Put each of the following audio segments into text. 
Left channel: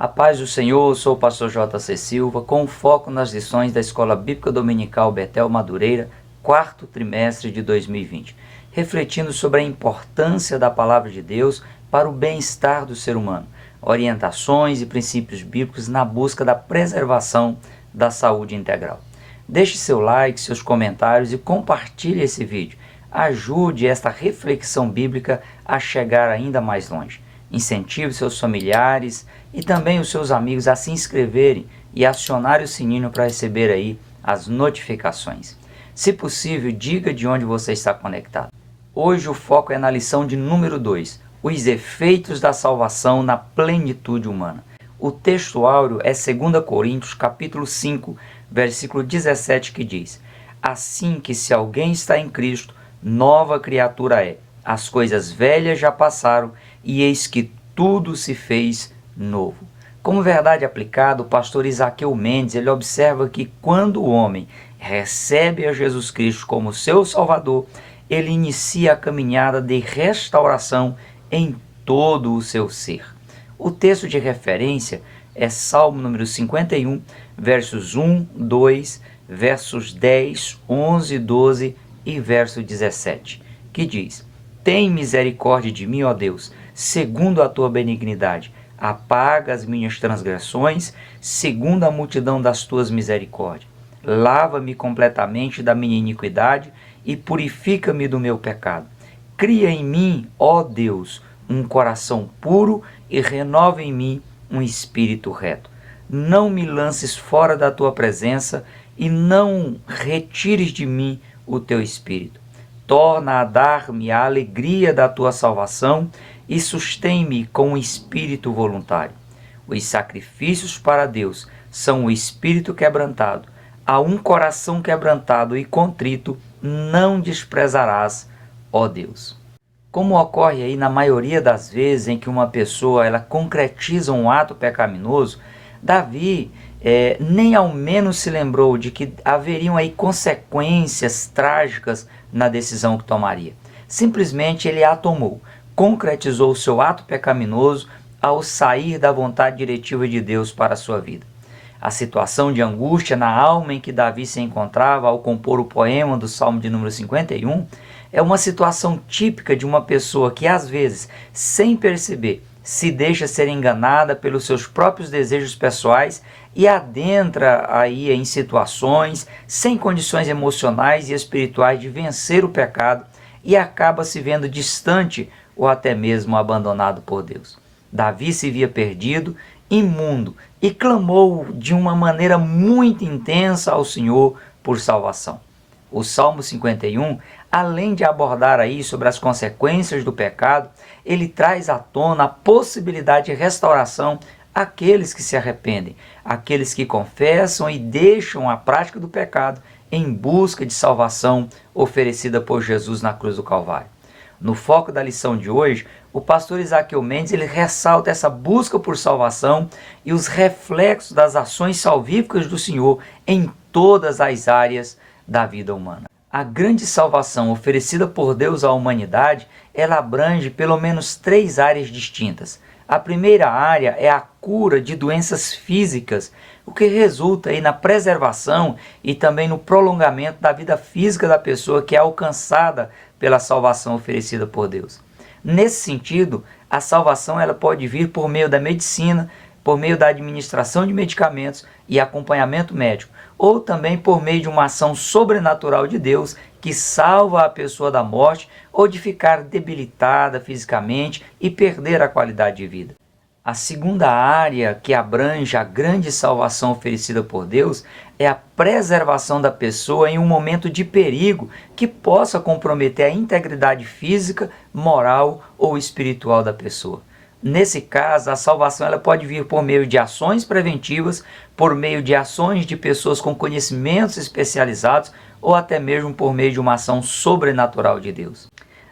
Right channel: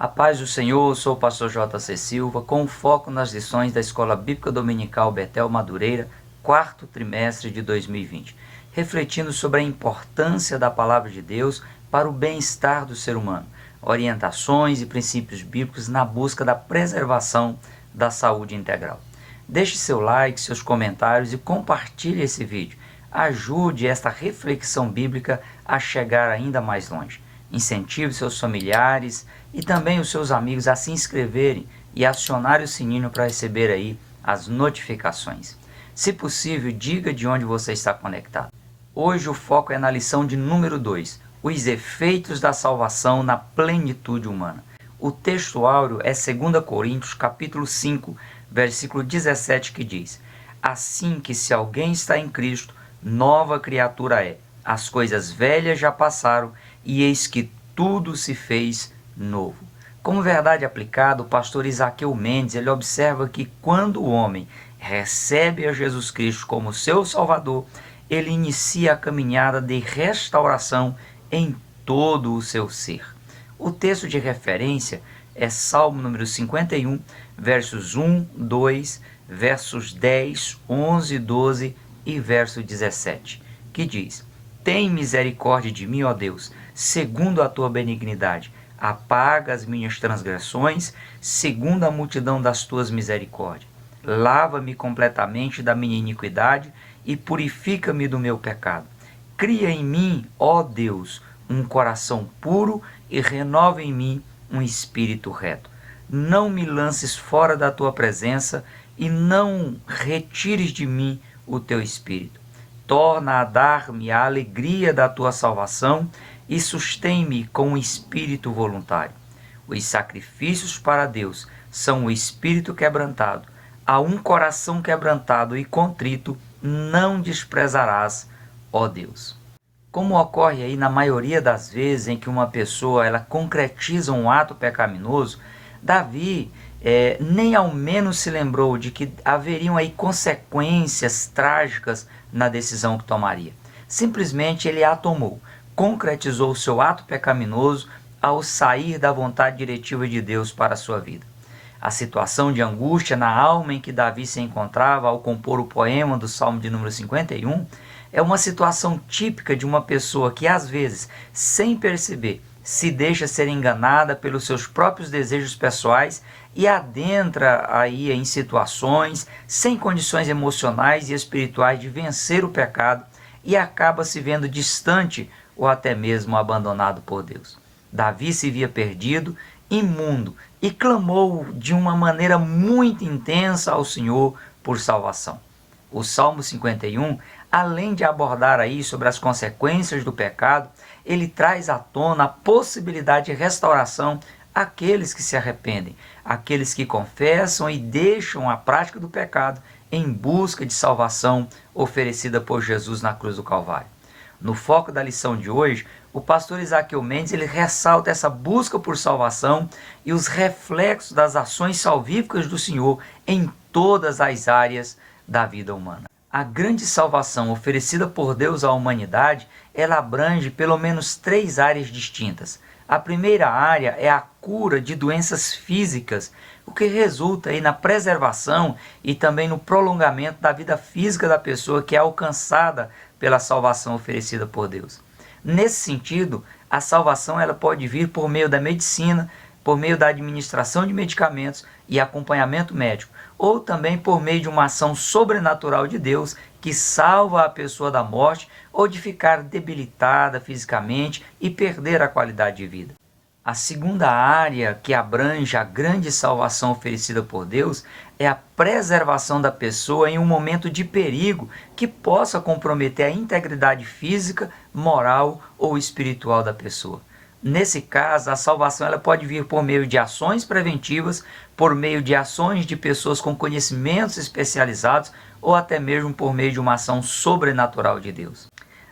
A paz do Senhor, sou o pastor J.C. Silva, com foco nas lições da Escola Bíblica Dominical Betel Madureira, quarto trimestre de 2020, refletindo sobre a importância da Palavra de Deus para o bem-estar do ser humano, orientações e princípios bíblicos na busca da preservação da saúde integral. Deixe seu like, seus comentários e compartilhe esse vídeo. Ajude esta reflexão bíblica a chegar ainda mais longe. Incentive seus familiares e também os seus amigos a se inscreverem e acionar o sininho para receber aí as notificações. Se possível, diga de onde você está conectado. Hoje o foco é na lição de número 2, os efeitos da salvação na plenitude humana. O texto áureo é 2 Coríntios capítulo 5, versículo 17, que diz: assim que se alguém está em Cristo, nova criatura é. As coisas velhas já passaram e eis que tudo se fez novo. Como verdade aplicada, o pastor Isaqueu Mendes ele observa que quando o homem recebe a Jesus Cristo como seu Salvador, ele inicia a caminhada de restauração em todo o seu ser. O texto de referência é Salmo número 51, versos 1, 2, versos 10, 11, 12 e verso 17, que diz: tem misericórdia de mim, ó Deus, segundo a tua benignidade. Apaga as minhas transgressões, segundo a multidão das tuas misericórdias. Lava-me completamente da minha iniquidade e purifica-me do meu pecado. Cria em mim, ó Deus, um coração puro e renova em mim um espírito reto. Não me lances fora da tua presença e não retires de mim o teu espírito. Torna a dar-me a alegria da tua salvação e sustém-me com um espírito voluntário. Os sacrifícios para Deus são o espírito quebrantado. A um coração quebrantado e contrito não desprezarás, ó Deus. Como ocorre aí na maioria das vezes em que uma pessoa ela concretiza um ato pecaminoso, Davi nem ao menos se lembrou de que haveriam aí consequências trágicas na decisão que tomaria. Simplesmente ele a tomou, concretizou o seu ato pecaminoso ao sair da vontade diretiva de Deus para a sua vida. A situação de angústia na alma em que Davi se encontrava ao compor o poema do Salmo de número 51 é uma situação típica de uma pessoa que às vezes, sem perceber, se deixa ser enganada pelos seus próprios desejos pessoais e adentra aí em situações sem condições emocionais e espirituais de vencer o pecado e acaba se vendo distante ou até mesmo abandonado por Deus. Davi se via perdido, imundo, e clamou de uma maneira muito intensa ao Senhor por salvação. O Salmo 51, além de abordar aí sobre as consequências do pecado, ele traz à tona a possibilidade de restauração àqueles que se arrependem, àqueles que confessam e deixam a prática do pecado em busca de salvação oferecida por Jesus na cruz do Calvário. No foco da lição de hoje, o pastor Isaqueu Mendes ele ressalta essa busca por salvação e os reflexos das ações salvíficas do Senhor em todas as áreas da vida humana. A grande salvação oferecida por Deus à humanidade, ela abrange pelo menos 3 áreas distintas. A primeira área é a cura de doenças físicas, o que resulta aí na preservação e também no prolongamento da vida física da pessoa que é alcançada pela salvação oferecida por Deus. Nesse sentido, a salvação ela pode vir por meio da medicina, por meio da administração de medicamentos e acompanhamento médico, ou também por meio de uma ação sobrenatural de Deus que salva a pessoa da morte ou de ficar debilitada fisicamente e perder a qualidade de vida. A segunda área que abrange a grande salvação oferecida por Deus é a preservação da pessoa em um momento de perigo que possa comprometer a integridade física, moral ou espiritual da pessoa. Nesse caso, a salvação ela pode vir por meio de ações preventivas, por meio de ações de pessoas com conhecimentos especializados ou até mesmo por meio de uma ação sobrenatural de Deus.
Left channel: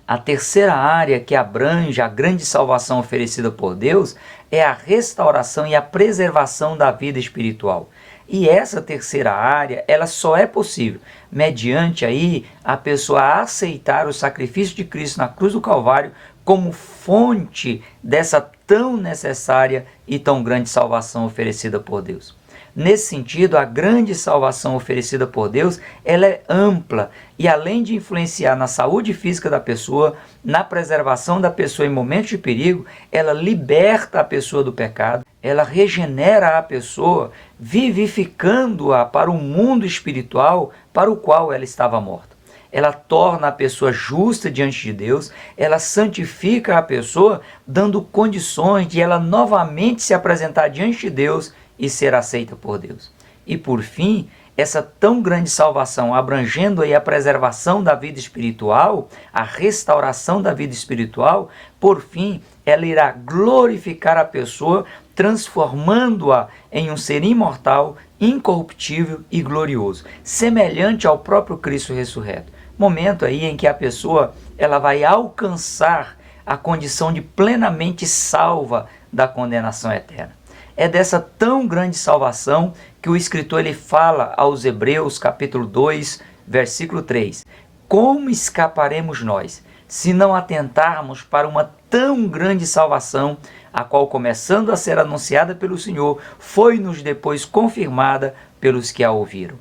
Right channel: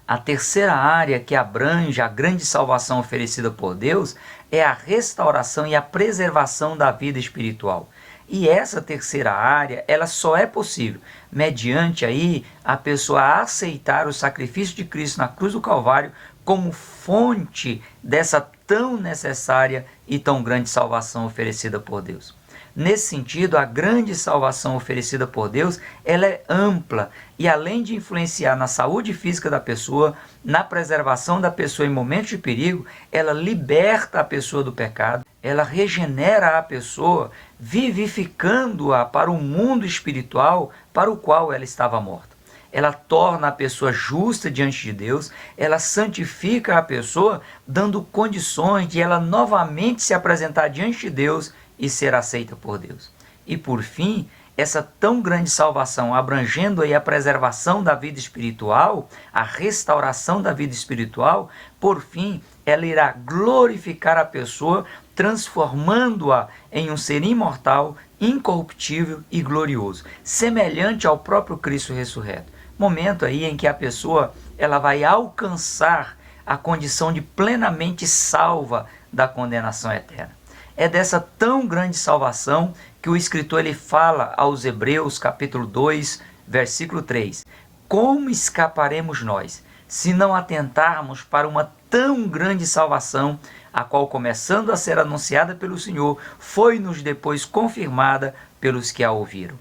A terceira área que abrange a grande salvação oferecida por Deus é a restauração e a preservação da vida espiritual. E essa terceira área, ela só é possível mediante aí a pessoa aceitar o sacrifício de Cristo na cruz do Calvário como fonte dessa tão necessária e tão grande salvação oferecida por Deus. Nesse sentido, a grande salvação oferecida por Deus, ela é ampla e além de influenciar na saúde física da pessoa, na preservação da pessoa em momentos de perigo, ela liberta a pessoa do pecado, ela regenera a pessoa, vivificando-a para o mundo espiritual para o qual ela estava morta. Ela torna a pessoa justa diante de Deus, ela santifica a pessoa, dando condições de ela novamente se apresentar diante de Deus e ser aceita por Deus. E por fim, essa tão grande salvação, abrangendo aí a preservação da vida espiritual, a restauração da vida espiritual, por fim, ela irá glorificar a pessoa, transformando-a em um ser imortal, incorruptível e glorioso, semelhante ao próprio Cristo ressurreto. Momento aí em que a pessoa ela vai alcançar a condição de plenamente salva da condenação eterna. É dessa tão grande salvação que o escritor ele fala aos Hebreus, capítulo 2, versículo 3. Como escaparemos nós, se não atentarmos para uma tão grande salvação, a qual, começando a ser anunciada pelo Senhor, foi-nos depois confirmada pelos que a ouviram.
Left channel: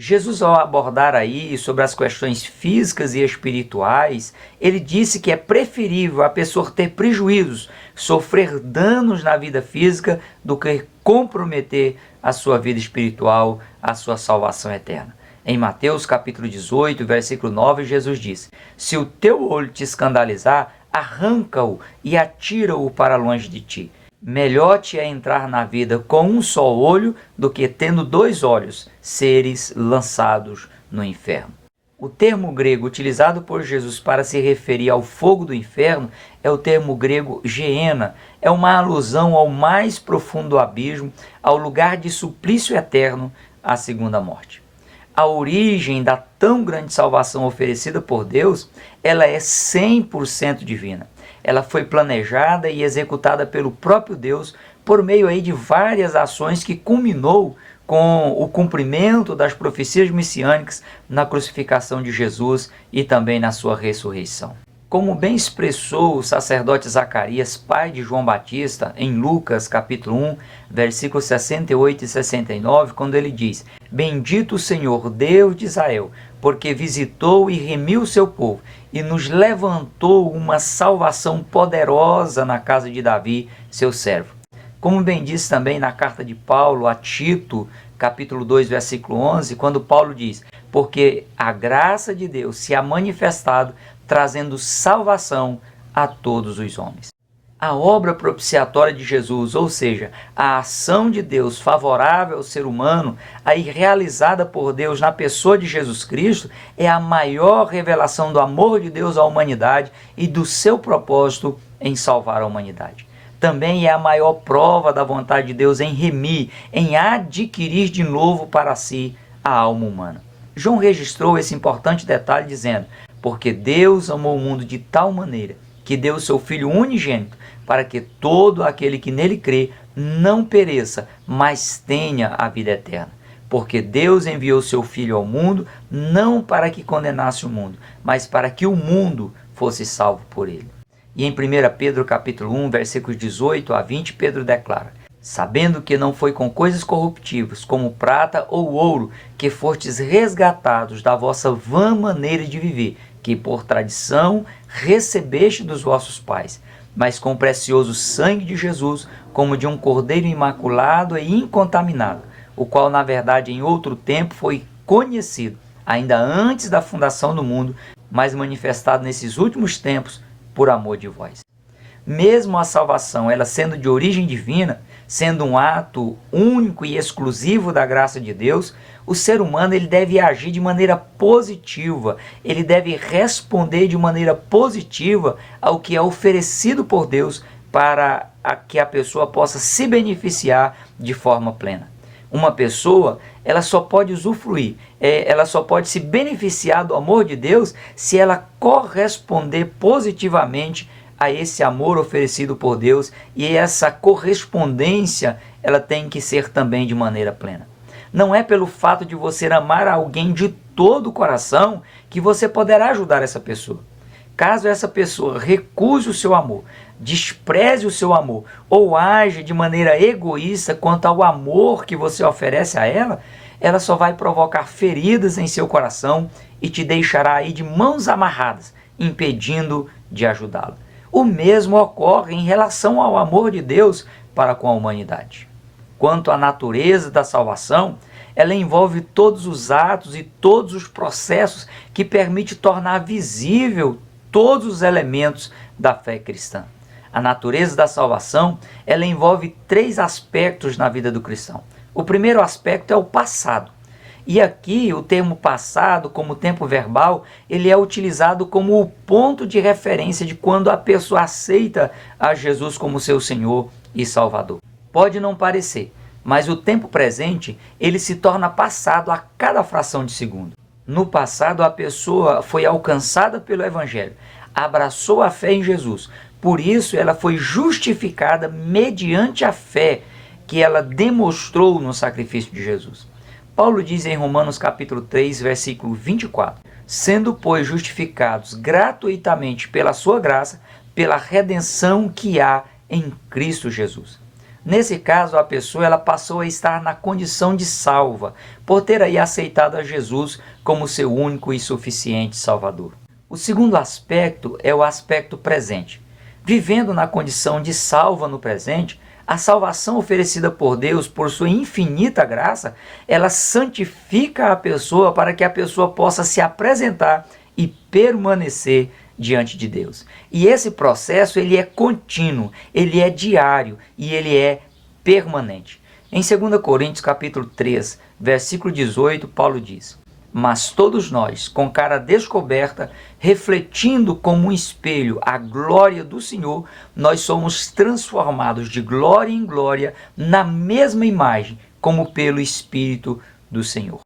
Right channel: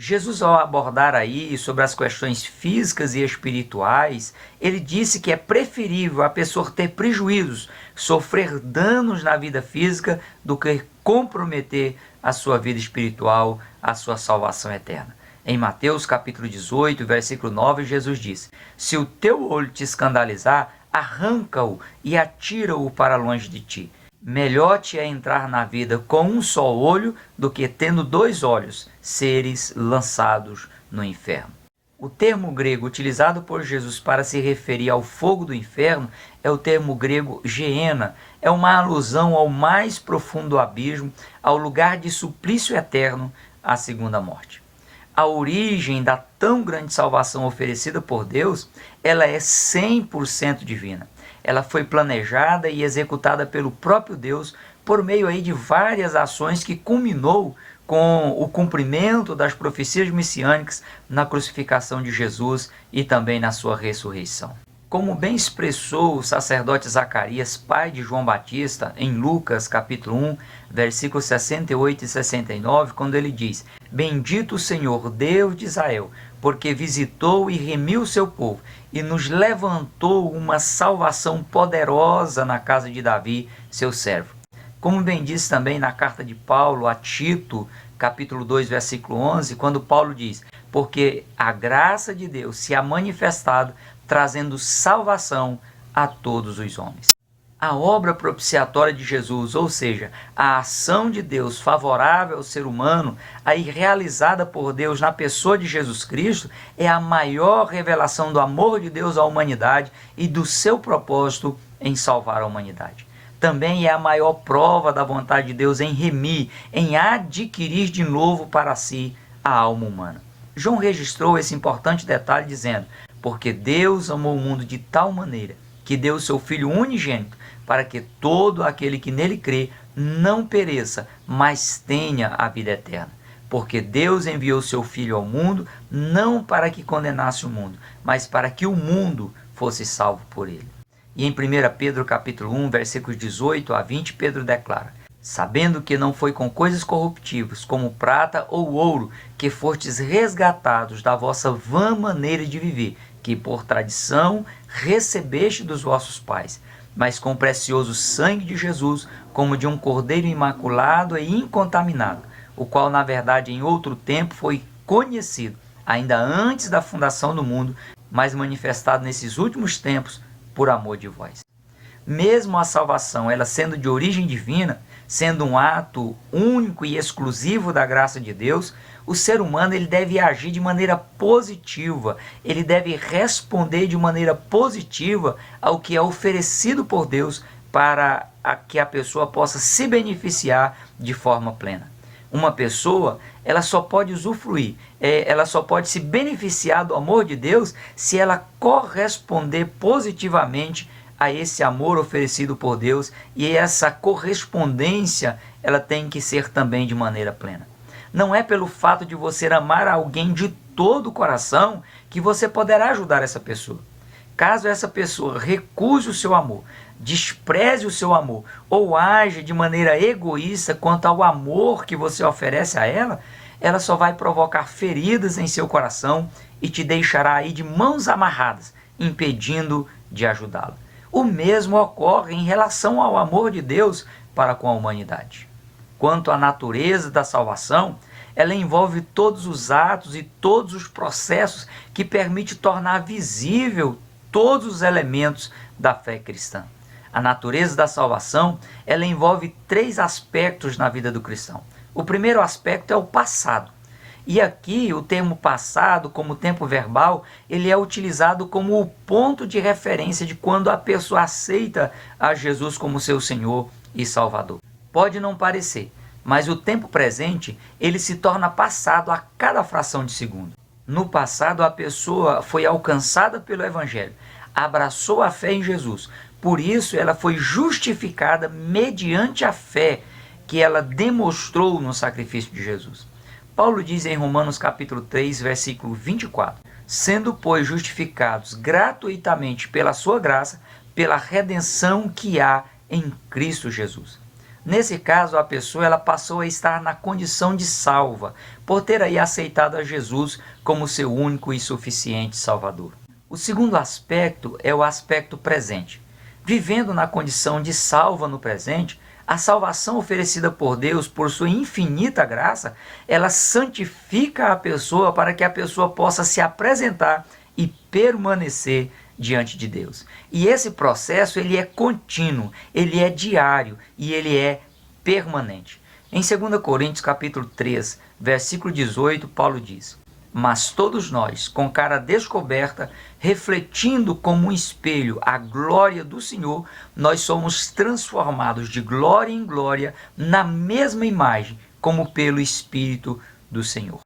Jesus, ao abordar aí sobre as questões físicas e espirituais, ele disse que é preferível a pessoa ter prejuízos, sofrer danos na vida física, do que comprometer a sua vida espiritual, a sua salvação eterna. Em Mateus capítulo 18, versículo 9, Jesus disse: se o teu olho te escandalizar, arranca-o e atira-o para longe de ti. Melhor te é entrar na vida com um só olho do que, tendo 2 olhos, seres lançados no inferno. O termo grego utilizado por Jesus para se referir ao fogo do inferno é o termo grego geena. É uma alusão ao mais profundo abismo, ao lugar de suplício eterno, à segunda morte. A origem da tão grande salvação oferecida por Deus, ela é 100% divina. Ela foi planejada e executada pelo próprio Deus por meio aí de várias ações que culminou com o cumprimento das profecias messiânicas na crucificação de Jesus e também na sua ressurreição. Como bem expressou o sacerdote Zacarias, pai de João Batista, em Lucas capítulo 1, versículos 68 e 69, quando ele diz: bendito o Senhor, Deus de Israel, porque visitou e remiu o seu povo, e nos levantou uma salvação poderosa na casa de Davi, seu servo. Como bem diz também na carta de Paulo a Tito, capítulo 2, versículo 11, quando Paulo diz: porque a graça de Deus se ha manifestado, trazendo salvação a todos os homens. A obra propiciatória de Jesus, ou seja, a ação de Deus favorável ao ser humano, aí realizada por Deus na pessoa de Jesus Cristo, é a maior revelação do amor de Deus à humanidade e do seu propósito em salvar a humanidade. Também é a maior prova da vontade de Deus em remir, em adquirir de novo para si a alma humana. João registrou esse importante detalhe dizendo: porque Deus amou o mundo de tal maneira que deu o seu Filho unigênito, para que todo aquele que nele crê não pereça, mas tenha a vida eterna. Porque Deus enviou seu Filho ao mundo, não para que condenasse o mundo, mas para que o mundo fosse salvo por ele. E em 1 Pedro capítulo 1, versículos 18 a 20, Pedro declara: sabendo que não foi com coisas corruptíveis, como prata ou ouro, que fostes resgatados da vossa vã maneira de viver, que por tradição recebeste dos vossos pais, mas com o precioso sangue de Jesus, como de um cordeiro imaculado e incontaminado, o qual na verdade em outro tempo foi conhecido, ainda antes da fundação do mundo, mas manifestado nesses últimos tempos por amor de vós. Mesmo a salvação, ela sendo de origem divina, sendo um ato único e exclusivo da graça de Deus, o ser humano ele deve agir de maneira positiva, ele deve responder de maneira positiva ao que é oferecido por Deus para que a pessoa possa se beneficiar de forma plena. Uma pessoa, ela só pode usufruir, ela só pode se beneficiar do amor de Deus se ela corresponder positivamente a esse amor oferecido por Deus, e essa correspondência ela tem que ser também de maneira plena. Não é pelo fato de você amar alguém de todo o coração que você poderá ajudar essa pessoa. Caso essa pessoa recuse o seu amor, despreze o seu amor ou age de maneira egoísta quanto ao amor que você oferece a ela, ela só vai provocar feridas em seu coração e te deixará aí de mãos amarradas, impedindo de ajudá-la. O mesmo ocorre em relação ao amor de Deus para com a humanidade. Quanto à natureza da salvação, ela envolve todos os atos e todos os processos que permitem tornar visível todos os elementos da fé cristã. A natureza da salvação, ela envolve 3 aspectos na vida do cristão. O primeiro aspecto é o passado. E aqui o termo passado, como tempo verbal, ele é utilizado como o ponto de referência de quando a pessoa aceita a Jesus como seu Senhor e Salvador. Pode não parecer, mas o tempo presente, ele se torna passado a cada fração de segundo. No passado, a pessoa foi alcançada pelo Evangelho, abraçou a fé em Jesus. Por isso, ela foi justificada mediante a fé que ela demonstrou no sacrifício de Jesus. Paulo diz em Romanos capítulo 3, versículo 24, sendo, pois, justificados gratuitamente pela sua graça, pela redenção que há em Cristo Jesus. Nesse caso, a pessoa ela passou a estar na condição de salva, por ter aí aceitado a Jesus como seu único e suficiente Salvador. O segundo aspecto é o aspecto presente. Vivendo na condição de salva no presente, a salvação oferecida por Deus, por sua infinita graça, ela santifica a pessoa para que a pessoa possa se apresentar e permanecer diante de Deus. E esse processo ele é contínuo, ele é diário e ele é permanente. Em 2 Coríntios capítulo 3, versículo 18, Paulo diz: mas todos nós, com cara descoberta, refletindo como um espelho a glória do Senhor, nós somos transformados de glória em glória na mesma imagem, como pelo Espírito do Senhor.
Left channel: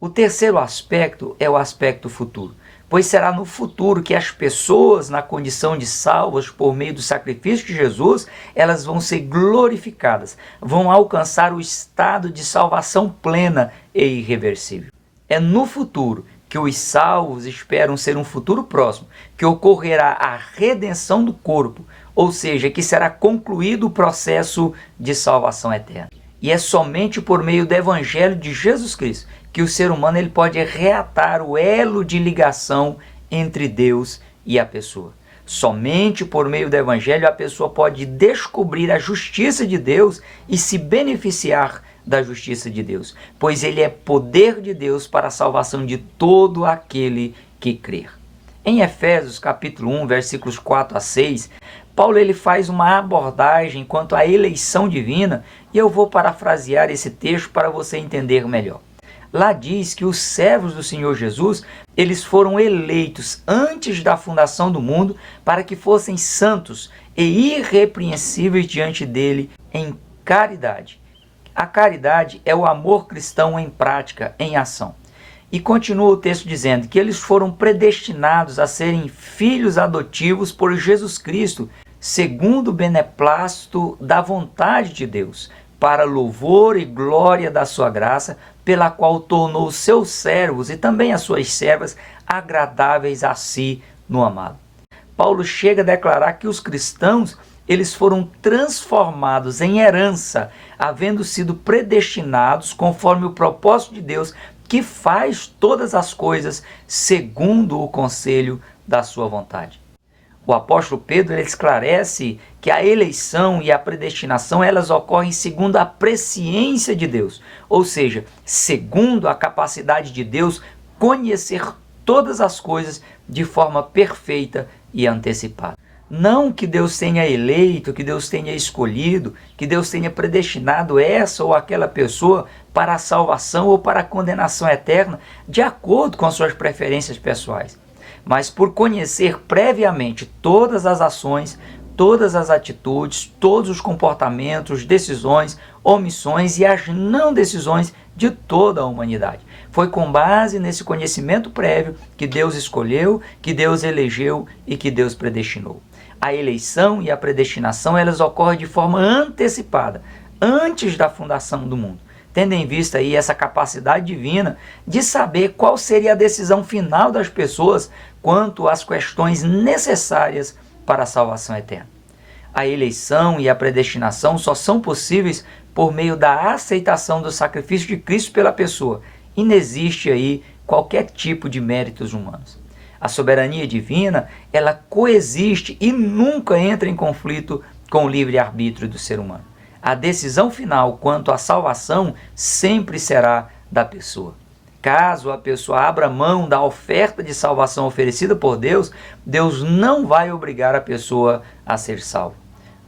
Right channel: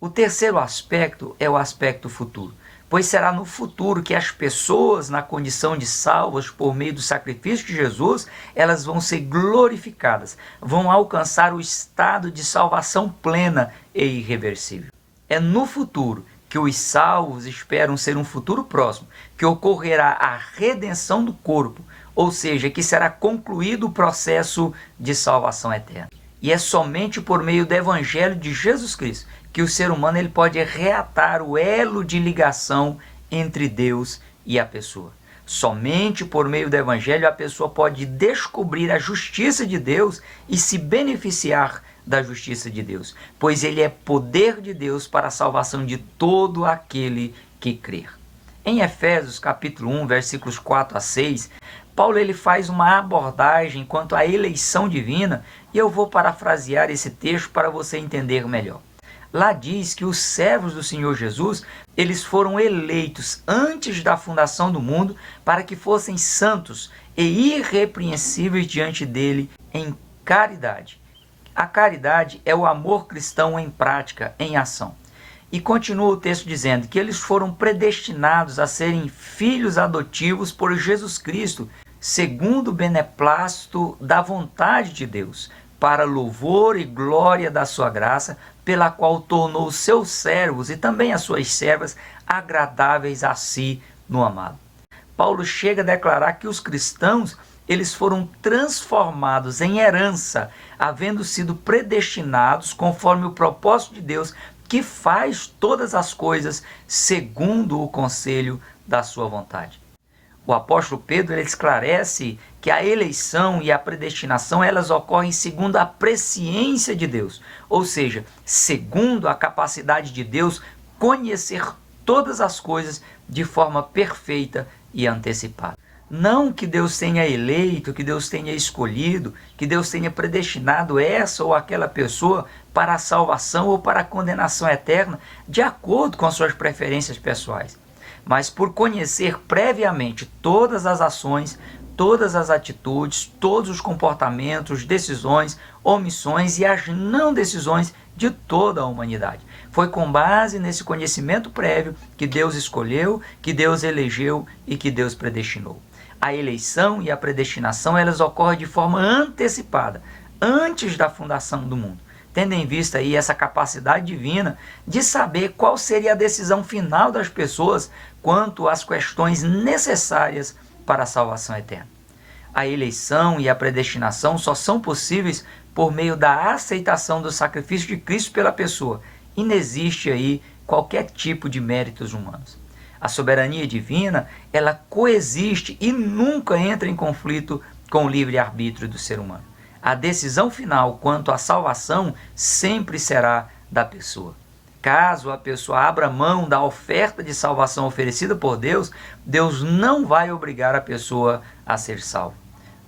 O terceiro aspecto é o aspecto futuro, pois será no futuro que as pessoas, na condição de salvas por meio do sacrifício de Jesus, elas vão ser glorificadas, vão alcançar o estado de salvação plena e irreversível. É no futuro que os salvos esperam ser um futuro próximo, que ocorrerá a redenção do corpo, ou seja, que será concluído o processo de salvação eterna. E é somente por meio do Evangelho de Jesus Cristo que o ser humano ele pode reatar o elo de ligação entre Deus e a pessoa. Somente por meio do Evangelho a pessoa pode descobrir a justiça de Deus e se beneficiar da justiça de Deus, pois ele é poder de Deus para a salvação de todo aquele que crer. Em Efésios capítulo 1, versículos 4 a 6, Paulo ele faz uma abordagem quanto à eleição divina, e eu vou parafrasear esse texto para você entender melhor. Lá diz que os servos do Senhor Jesus, eles foram eleitos antes da fundação do mundo para que fossem santos e irrepreensíveis diante dele em caridade. A caridade é o amor cristão em prática, em ação. E continua o texto dizendo que eles foram predestinados a serem filhos adotivos por Jesus Cristo, segundo o beneplácito da vontade de Deus, para louvor e glória da sua graça, pela qual tornou os seus servos e também as suas servas agradáveis a si no amado. Paulo chega a declarar que os cristãos eles foram transformados em herança, havendo sido predestinados conforme o propósito de Deus, que faz todas as coisas segundo o conselho da sua vontade. O apóstolo Pedro ele esclarece que a eleição e a predestinação elas ocorrem segundo a presciência de Deus, ou seja, segundo a capacidade de Deus conhecer todas as coisas de forma perfeita e antecipada. Não que Deus tenha eleito, que Deus tenha escolhido, que Deus tenha predestinado essa ou aquela pessoa para a salvação ou para a condenação eterna, de acordo com as suas preferências pessoais. Mas por conhecer previamente todas as ações, todas as atitudes, todos os comportamentos, decisões, omissões e as não decisões de toda a humanidade. Foi com base nesse conhecimento prévio que Deus escolheu, que Deus elegeu e que Deus predestinou. A eleição e a predestinação elas ocorrem de forma antecipada, antes da fundação do mundo, tendo em vista aí essa capacidade divina de saber qual seria a decisão final das pessoas quanto às questões necessárias para a salvação eterna. A eleição e a predestinação só são possíveis por meio da aceitação do sacrifício de Cristo pela pessoa. E não existe aí qualquer tipo de méritos humanos. A soberania divina, ela coexiste e nunca entra em conflito com o livre-arbítrio do ser humano. A decisão final quanto à salvação sempre será da pessoa. Caso a pessoa abra mão da oferta de salvação oferecida por Deus, Deus não vai obrigar a pessoa a ser salva.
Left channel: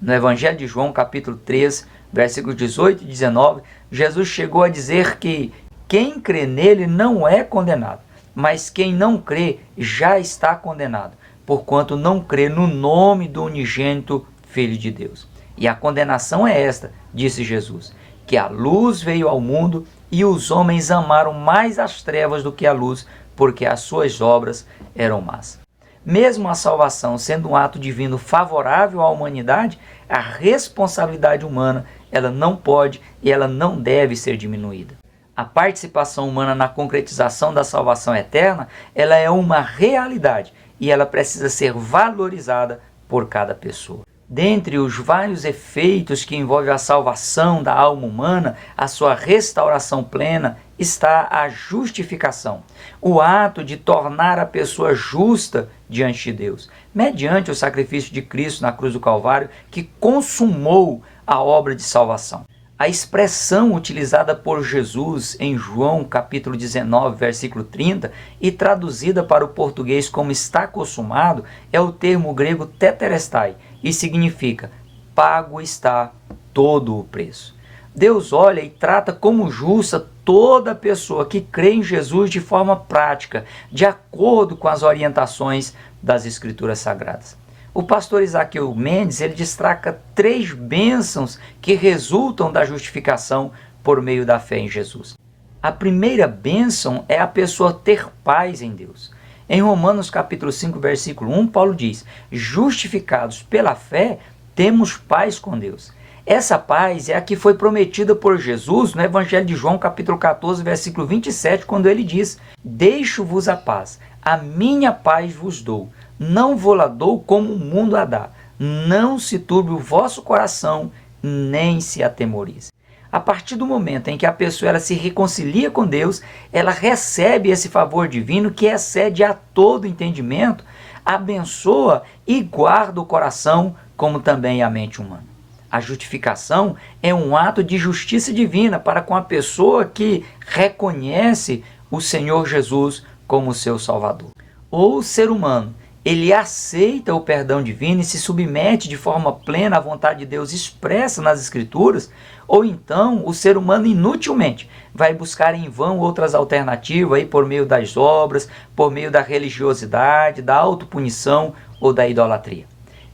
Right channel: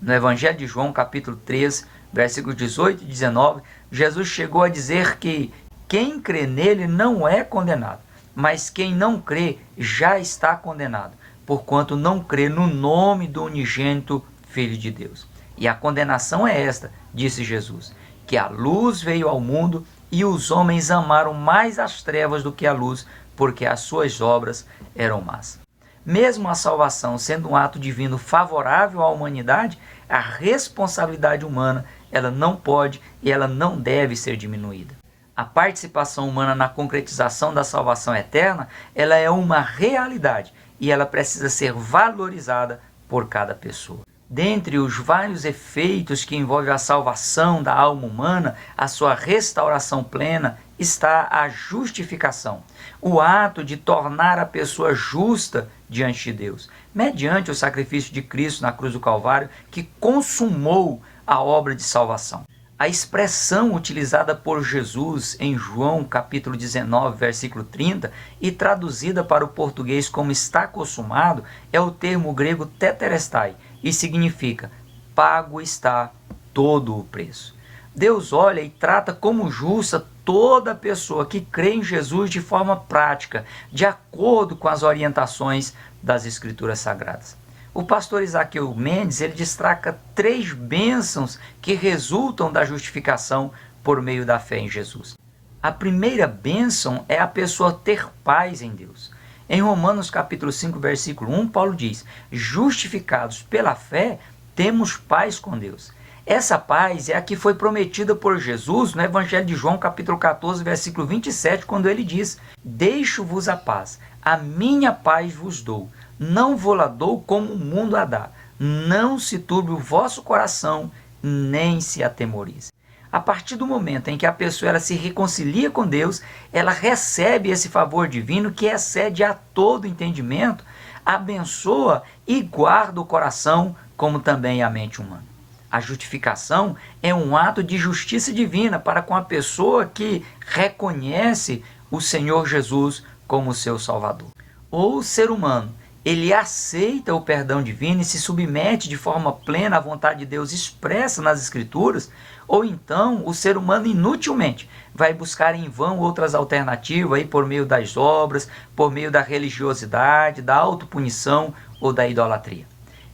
No Evangelho de João, capítulo 3, versículos 18 e 19, Jesus chegou a dizer que quem crê nele não é condenado, mas quem não crê já está condenado, porquanto não crê no nome do unigênito Filho de Deus. E a condenação é esta, disse Jesus, que a luz veio ao mundo e os homens amaram mais as trevas do que a luz, porque as suas obras eram más. Mesmo a salvação sendo um ato divino favorável à humanidade, a responsabilidade humana ela não pode e ela não deve ser diminuída. A participação humana na concretização da salvação eterna, ela é uma realidade e ela precisa ser valorizada por cada pessoa. Dentre os vários efeitos que envolvem a salvação da alma humana, a sua restauração plena, está a justificação, o ato de tornar a pessoa justa diante de Deus, mediante o sacrifício de Cristo na cruz do Calvário, que consumou a obra de salvação. A expressão utilizada por Jesus em João capítulo 19, versículo 30, e traduzida para o português como está consumado, é o termo grego tetelestai, e significa pago está todo o preço. Deus olha e trata como justa toda pessoa que crê em Jesus de forma prática, de acordo com as orientações das Escrituras Sagradas. O pastor Isaqueu Mendes ele destaca 3 bênçãos que resultam da justificação por meio da fé em Jesus. A primeira bênção é a pessoa ter paz em Deus. Em Romanos capítulo 5, versículo 1, Paulo diz: justificados pela fé, temos paz com Deus. Essa paz é a que foi prometida por Jesus no Evangelho de João capítulo 14, versículo 27, quando ele diz: deixo-vos a paz, a minha paz vos dou. Não vou-la dou como o mundo a dá. Não se turbe o vosso coração, nem se atemorize. A partir do momento em que a pessoa ela se reconcilia com Deus, ela recebe esse favor divino que excede a todo entendimento, abençoa e guarda o coração, como também a mente humana. A justificação é um ato de justiça divina para com a pessoa que reconhece o Senhor Jesus como seu Salvador. O ser humano, ele aceita o perdão divino e se submete de forma plena à vontade de Deus expressa nas Escrituras, ou então o ser humano inutilmente vai buscar em vão outras alternativas aí por meio das obras, por meio da religiosidade, da autopunição ou da idolatria.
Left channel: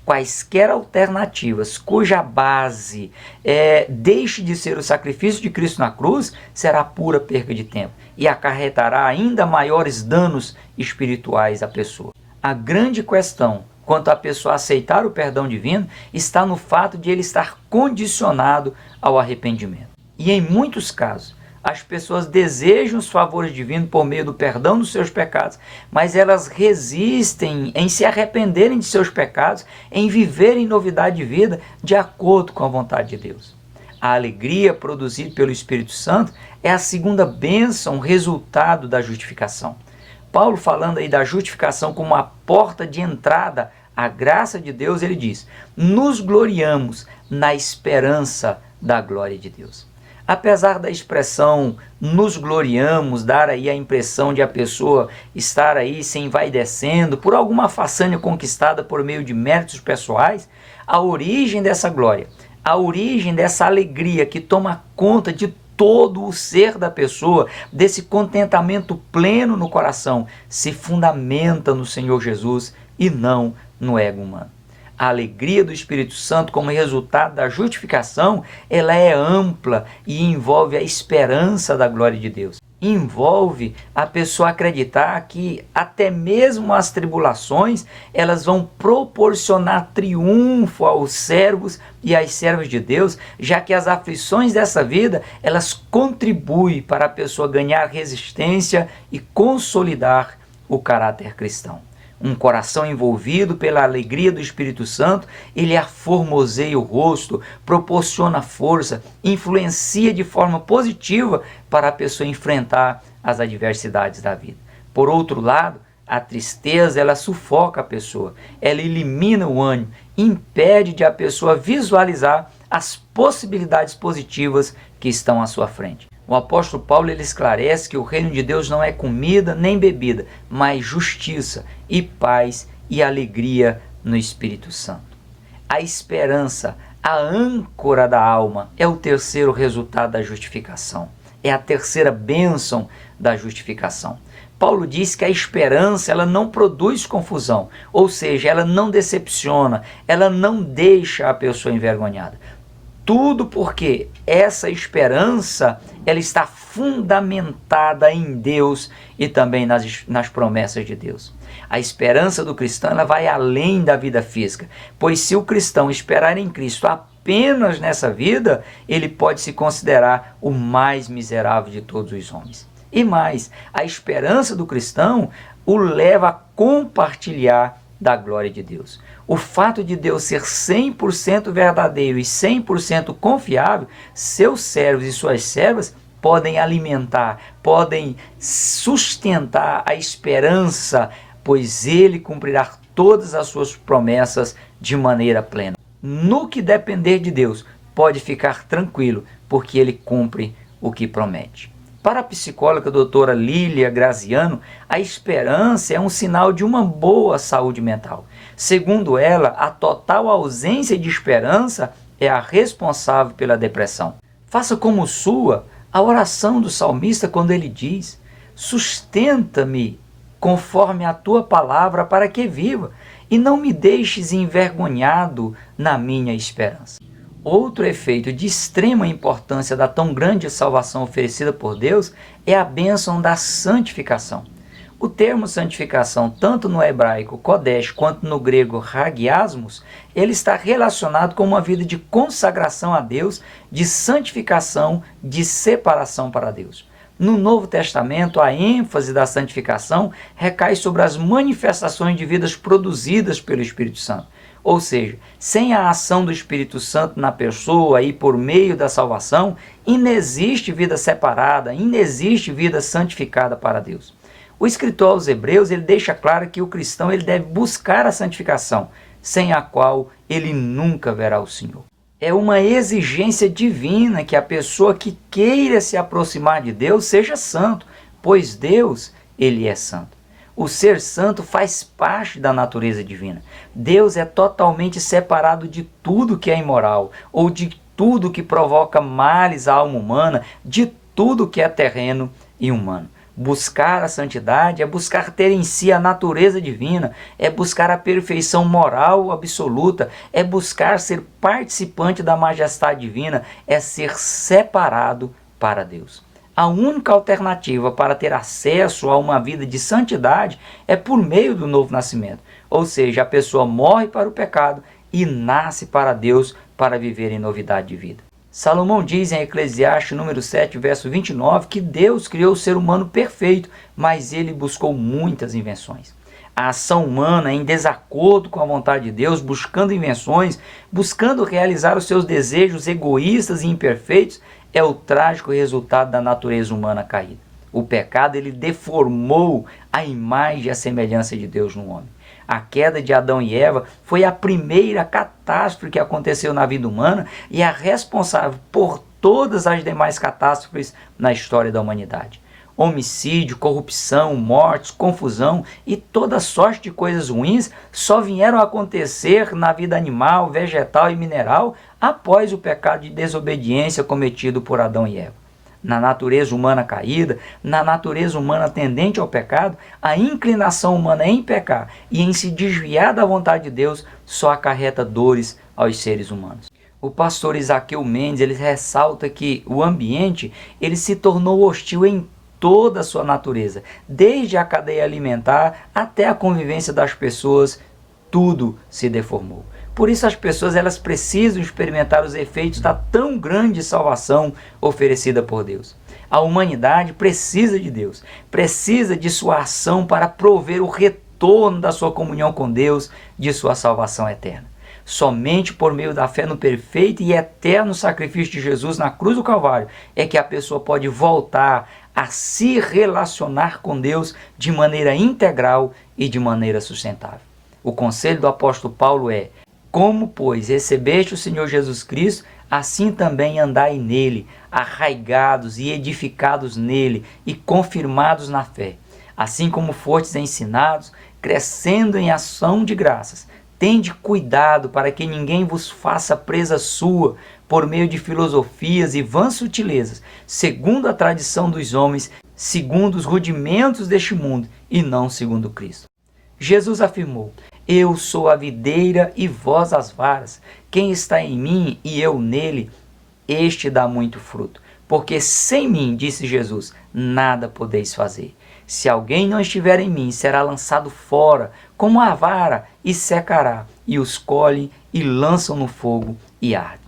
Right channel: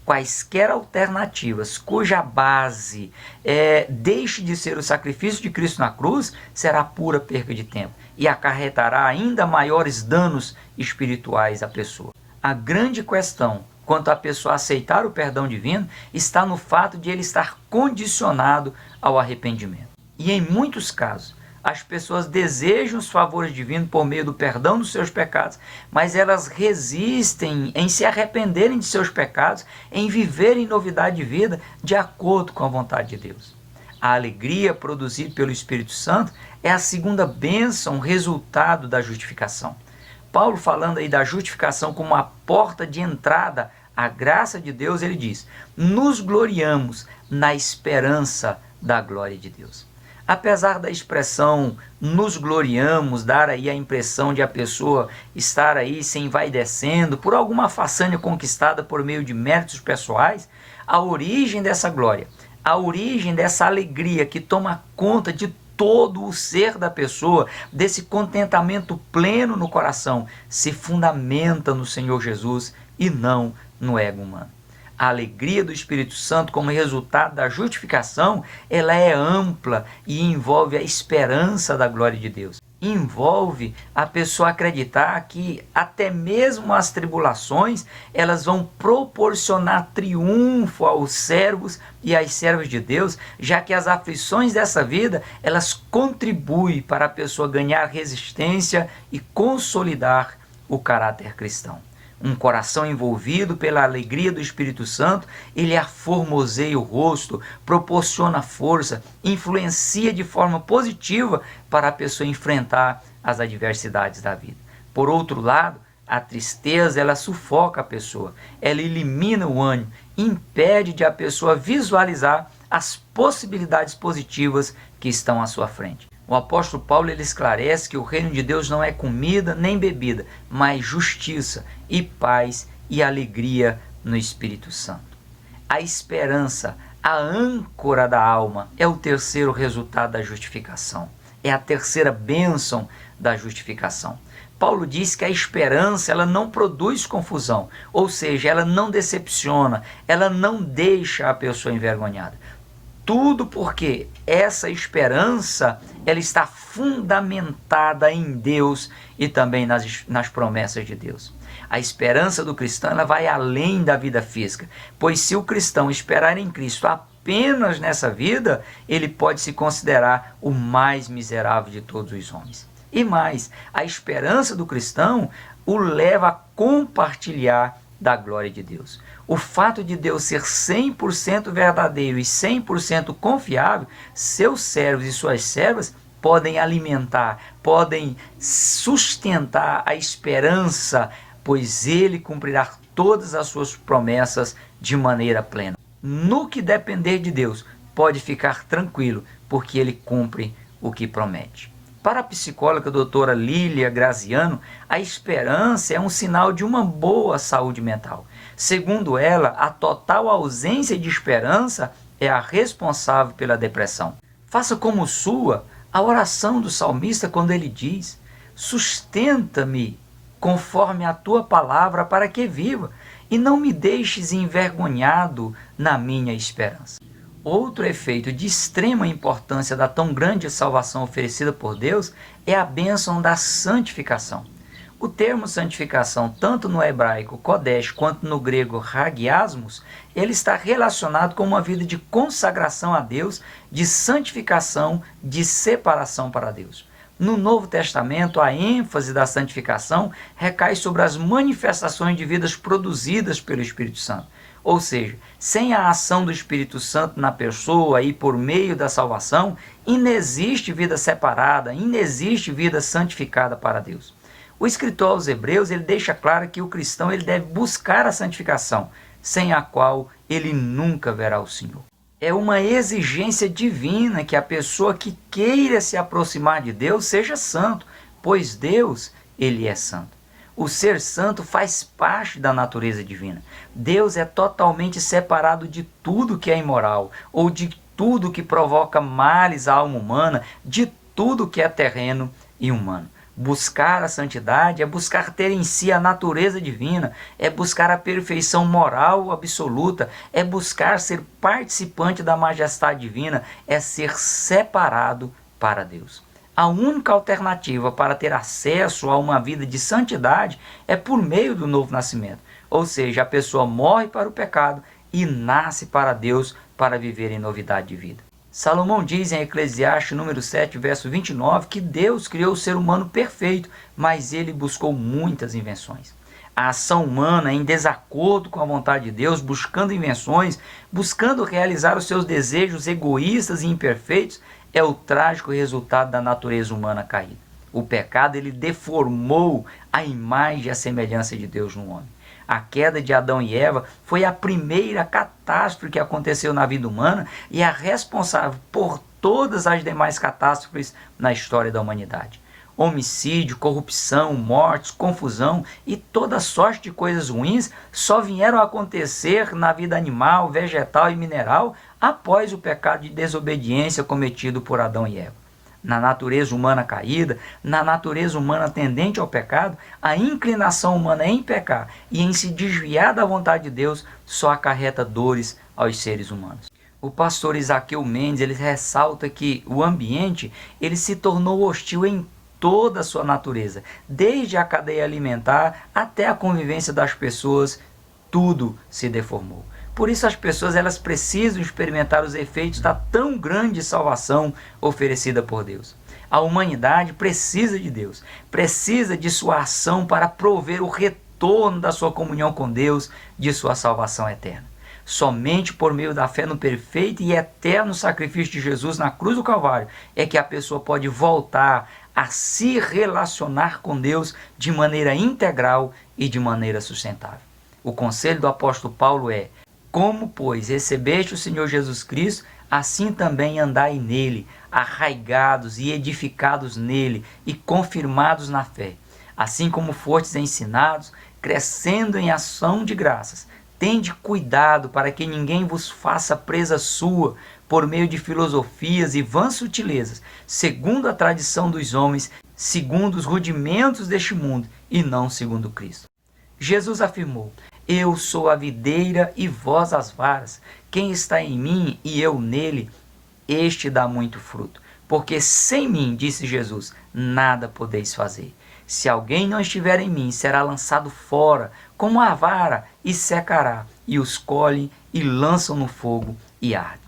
Quaisquer alternativas cuja base deixe de ser o sacrifício de Cristo na cruz, será pura perda de tempo e acarretará ainda maiores danos espirituais à pessoa. A grande questão quanto à pessoa aceitar o perdão divino está no fato de ele estar condicionado ao arrependimento. E em muitos casos, as pessoas desejam os favores divinos por meio do perdão dos seus pecados, mas elas resistem em se arrependerem de seus pecados, em viverem novidade de vida de acordo com a vontade de Deus. A alegria produzida pelo Espírito Santo é a segunda bênção, resultado da justificação. Paulo, falando aí da justificação como a porta de entrada à graça de Deus, ele diz: nos gloriamos na esperança da glória de Deus. Apesar da expressão nos gloriamos dar aí a impressão de a pessoa estar aí se envaidecendo por alguma façanha conquistada por meio de méritos pessoais, a origem dessa glória, a origem dessa alegria que toma conta de todo o ser da pessoa, desse contentamento pleno no coração, se fundamenta no Senhor Jesus e não no ego humano. A alegria do Espírito Santo como resultado da justificação, ela é ampla e envolve a esperança da glória de Deus. envolve a pessoa acreditar que até mesmo as tribulações, elas vão proporcionar triunfo aos servos e às servas de Deus, já que as aflições dessa vida, elas contribuem para a pessoa ganhar resistência e consolidar o caráter cristão. Um coração envolvido pela alegria do Espírito Santo, ele aformoseia o rosto, proporciona força, influencia de forma positiva para a pessoa enfrentar as adversidades da vida. Por outro lado, a tristeza, ela sufoca a pessoa, ela elimina o ânimo, impede de a pessoa visualizar as possibilidades positivas que estão à sua frente. O apóstolo Paulo ele esclarece que o reino de Deus não é comida nem bebida, mas justiça e paz e alegria no Espírito Santo. A esperança, a âncora da alma, é o terceiro resultado da justificação. É a terceira bênção da justificação. Paulo diz que a esperança ela não produz confusão, ou seja, ela não decepciona, ela não deixa a pessoa envergonhada. Tudo porque essa esperança ela está fundamentada em Deus e também nas promessas de Deus. A esperança do cristão ela vai além da vida física, pois se o cristão esperar em Cristo apenas nessa vida, ele pode se considerar o mais miserável de todos os homens. E mais, a esperança do cristão o leva a compartilhar da glória de Deus. O fato de Deus ser 100% verdadeiro e 100% confiável, seus servos e suas servas podem alimentar, podem sustentar a esperança, pois Ele cumprirá todas as suas promessas de maneira plena. No que depender de Deus, pode ficar tranquilo, porque Ele cumpre o que promete. Para a psicóloga doutora Lília Graziano, a esperança é um sinal de uma boa saúde mental. Segundo ela, a total ausência de esperança é a responsável pela depressão. Faça como sua a oração do salmista quando ele diz: sustenta-me conforme a tua palavra para que viva, e não me deixes envergonhado na minha esperança. Outro efeito de extrema importância da tão grande salvação oferecida por Deus é a bênção da santificação. O termo santificação, tanto no hebraico kodesh quanto no grego hagiasmos, ele está relacionado com uma vida de consagração a Deus, de santificação, de separação para Deus. No Novo Testamento, a ênfase da santificação recai sobre as manifestações de vidas produzidas pelo Espírito Santo. Ou seja, sem a ação do Espírito Santo na pessoa e por meio da salvação, inexiste vida separada, inexiste vida santificada para Deus. O escritor aos Hebreus ele deixa claro que o cristão ele deve buscar a santificação, sem a qual ele nunca verá o Senhor. É uma exigência divina que a pessoa que queira se aproximar de Deus seja santo, pois Deus ele é santo. O ser santo faz parte da natureza divina. Deus é totalmente separado de tudo que é imoral, ou de tudo que provoca males à alma humana, de tudo que é terreno e humano. Buscar a santidade é buscar ter em si a natureza divina, é buscar a perfeição moral absoluta, é buscar ser participante da majestade divina, é ser separado para Deus. A única alternativa para ter acesso a uma vida de santidade é por meio do novo nascimento. Ou seja, a pessoa morre para o pecado e nasce para Deus para viver em novidade de vida. Salomão diz em Eclesiastes número 7, verso 29, que Deus criou o ser humano perfeito, mas ele buscou muitas invenções. A ação humana em desacordo com a vontade de Deus, buscando invenções, buscando realizar os seus desejos egoístas e imperfeitos, é o trágico resultado da natureza humana caída. O pecado ele deformou a imagem e a semelhança de Deus no homem. A queda de Adão e Eva foi a primeira catástrofe que aconteceu na vida humana e a responsável por todas as demais catástrofes na história da humanidade. Homicídio, corrupção, mortes, confusão e toda sorte de coisas ruins só vieram a acontecer na vida animal, vegetal e mineral após o pecado de desobediência cometido por Adão e Eva. Na natureza humana caída, na natureza humana tendente ao pecado, a inclinação humana em pecar e em se desviar da vontade de Deus só acarreta dores aos seres humanos. O pastor Isaqueu Mendes ele ressalta que o ambiente ele se tornou hostil em toda a sua natureza, desde a cadeia alimentar até a convivência das pessoas, tudo se deformou. Por isso as pessoas elas precisam experimentar os efeitos da tão grande salvação oferecida por Deus. A humanidade precisa de Deus, precisa de sua ação para prover o retorno da sua comunhão com Deus, de sua salvação eterna. Somente por meio da fé no perfeito e eterno sacrifício de Jesus na cruz do Calvário é que a pessoa pode voltar a se relacionar com Deus de maneira integral e de maneira sustentável. O conselho do apóstolo Paulo é: como, pois, recebeste o Senhor Jesus Cristo, assim também andai nele, arraigados e edificados nele e confirmados na fé. Assim como fostes ensinados, crescendo em ação de graças, tende cuidado para que ninguém vos faça presa sua por meio de filosofias e vãs sutilezas, segundo a tradição dos homens, segundo os rudimentos deste mundo e não segundo Cristo. Jesus afirmou: eu sou a videira e vós as varas. Quem está em mim e eu nele, este dá muito fruto. Porque sem mim, disse Jesus, nada podeis fazer. Se alguém não estiver em mim, será lançado fora, como a vara, e secará. E os colhem e lançam no fogo e arde.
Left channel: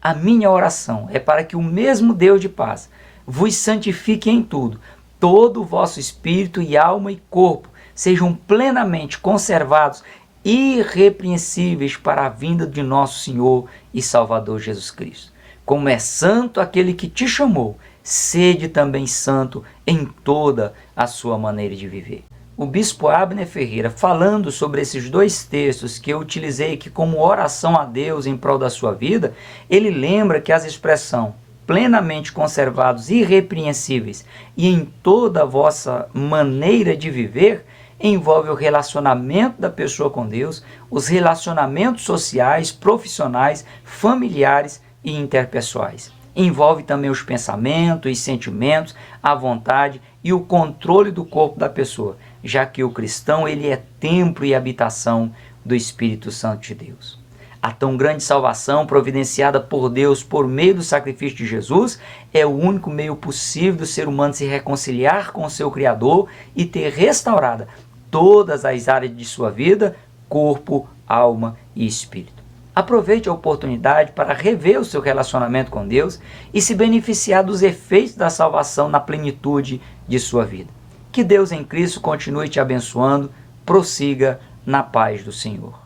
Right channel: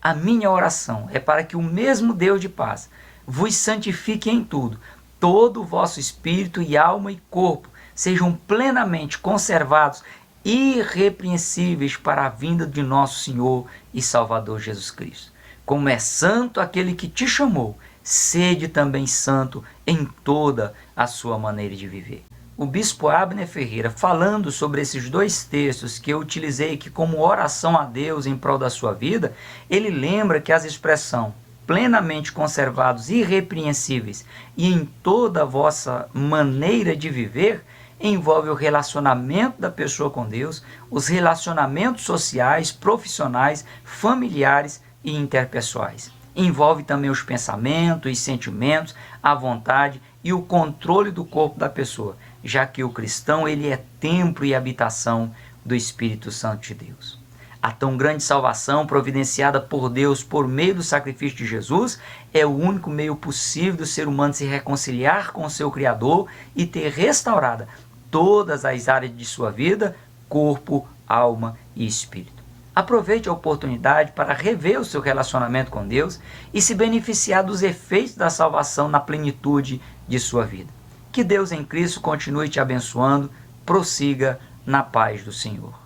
A minha oração é para que o mesmo Deus de paz vos santifique em tudo, todo o vosso espírito e alma e corpo, sejam plenamente conservados, irrepreensíveis para a vinda de nosso Senhor e Salvador Jesus Cristo. Como é santo aquele que te chamou, sede também santo em toda a sua maneira de viver. O bispo Abner Ferreira, falando sobre esses dois textos que eu utilizei aqui como oração a Deus em prol da sua vida, ele lembra que as expressões plenamente conservados, irrepreensíveis e em toda a vossa maneira de viver envolve o relacionamento da pessoa com Deus, os relacionamentos sociais, profissionais, familiares e interpessoais. Envolve também os pensamentos e sentimentos, a vontade e o controle do corpo da pessoa, já que o cristão ele é templo e habitação do Espírito Santo de Deus. A tão grande salvação providenciada por Deus por meio do sacrifício de Jesus é o único meio possível do ser humano se reconciliar com o seu Criador e ter restaurada todas as áreas de sua vida, corpo, alma e espírito. Aproveite a oportunidade para rever o seu relacionamento com Deus e se beneficiar dos efeitos da salvação na plenitude de sua vida. Que Deus em Cristo continue te abençoando, prossiga na paz do Senhor.